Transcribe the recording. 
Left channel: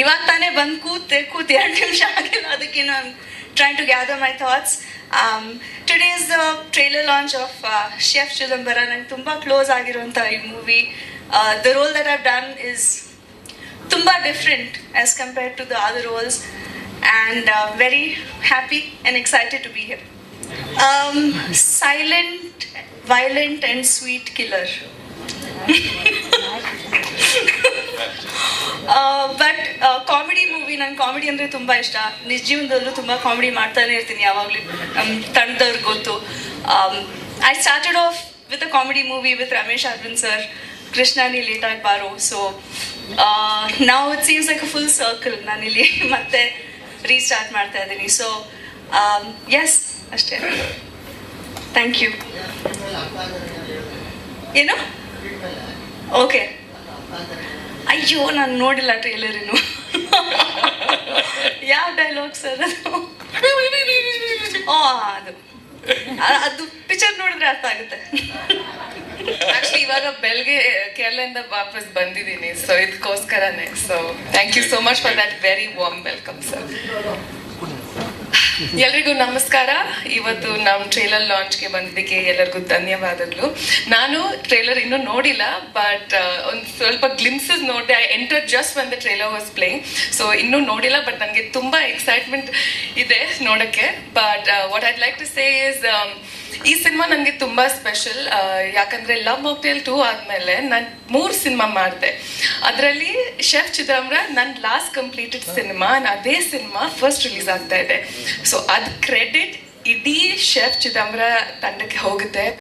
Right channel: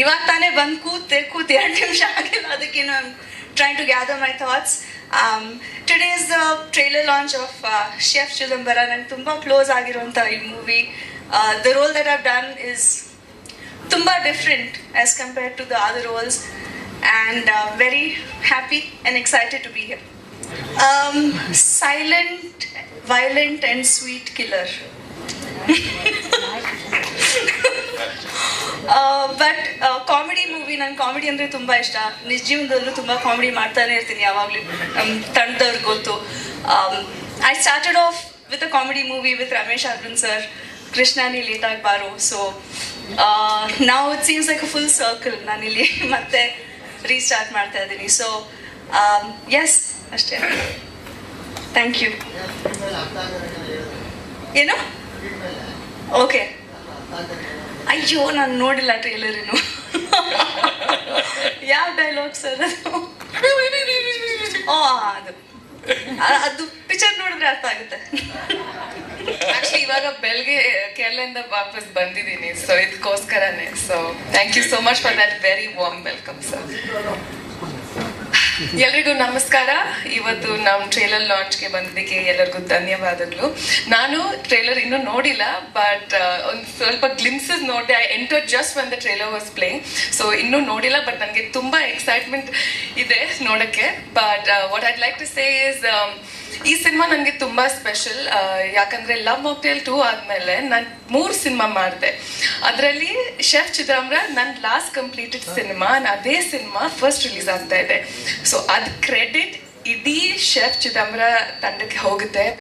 ಇವಾಗ ತಾನೇ ಬಂದು ಕೂತೆ ಕೂತ್ ಎರಡು ನಿಮಿಷ ಆಗಿಲ್ಲ ಅದಕ್ಕೆ ನಾನು trying to gather my thoughts today is the trailer launch of chef Chidambara ನಂಗೆ ತುಂಬ ಕ್ಲೋಸ್ ಆಗಿರುವಂಥ ಈ movie the role that have done is ತುಂಬ different as compared to the other roles and very happy and excited to be here silent violent and sweet killer but comedy ನನ್ comedy ಅಂದರೆ ತುಂಬ ಇಷ್ಟ. ನಿಜ ಜೀವನದಲ್ಲೂ ತುಂಬ ಕಾಮಿಡಿ ಮಾಡ್ತಾನೆ ಇರ್ತೀನಿ ಯಾವಾಗಲೂ. ನಮ್ಮ ತಂಡದವ್ರಿಗೆ ಗೊತ್ತು. I started off with a comedy movie with Ramesh Arvind sir Krishna ನೀ ಲೇಟ್ ಆಗಿ ಬಾರೋ ಸೊ ನಾವು it seems like full circle ನಾನಿಲ್ಲಿ ಮತ್ತೆ ರೀಸ್ಟಾರ್ಟ್ ಮಾಡ್ತಾ ಇದ್ದೀನಿ. ಸೊ ಎಸ್ ಅಷ್ಟೇ. ಥ್ಯಾಂಕ್ ಯು ಏನು? ಓಕೆ ಅಯ್ಯೋ, ನಾನು ನೋಡಿಲ್ಲ ಟ್ರೇಲರ್ ಇನ್ನು. ಯಾವ ಡೈಲಾಗ್ ಸರ್ ಅದು. ಅದು ಪಿಕ್ಚರ್ ನೋಡಿದ್ರೆ ಅರ್ಥ ಆಗುತ್ತೆ. ಆಕ್ಚುಲಿ ಇವಾಗ ಬೆಳಗ್ಗೆ ಕೇರಳದಿಂದ ವಾಪಸ್ ಬಂದಿದ್ದೀನಿ so ಇದಕ್ಕೋಸ್ಕರನೇ so thank you so much for that very warm welcome sir ಎಲ್ರಿಗೂ ನಮಸ್ಕಾರ. ಇವತ್ತು ನಮ್ಮ ಟ್ರೇಲರ್ ಲಾಂಚ್ಗೆ ಬಂದಿದ್ದಕ್ಕೆ ಎಲ್ಲರಿಗೂ ಧನ್ಯವಾದಗಳು. ನಾನು ಟ್ರೇಲರ್ ಇನ್ನು ನೋಡಿಲ್ಲ ಬಟ್ ಒಂದು ಸ್ವಲ್ಪ ಗ್ಲಿಮ್ಸಸ್ ನೋಡಿದೆ. I enter just when the trailer was playing so ಇನ್ನೂ ನೋಡಿಲ್ಲ ಬಟ್ ನನಗೆ ತುಂಬಾ ಎಕ್ಸೈಟ್ಮೆಂಟ್ ಇದೆ ನೋಡಕ್ಕೆ. But what I'd like to say is ಈ ಸಿನಿಮಾ ನನಗೆ ತುಂಬಾ ಸ್ಪೆಷಲ್ ಯಾಕಂದ್ರೆ ಲವ್ ಮಾಕ್ಟೇಲ್ ಟೂ ಆದ್ಮೇಲೆ ನಾನು ಮೂರು ಸಿನಿಮಾ ಮಾಡಿದೆ. ಅದರಲ್ಲಿ ಶೆಫ್ ಚಿದಂಬರ ನನ್ನ ಲಾಸ್ಟ್ ಕಂಪ್ಲೀಟೆಡ್ ಸಿನಿಮಾ ಅದೇ ಸಿನಿಮಾ ಫಸ್ಟ್ ರಿಲೀಸ್ ಆಗ್ತಾ ಇದೆ. ಸೊ ಅದ್ ಕ್ರೆಡಿಟ್ ಇಡೀ ಶೆಫ್ ಚಿದಂಬರ ತಂಡಕ್ಕೆ ಹೋಗುತ್ತೆ.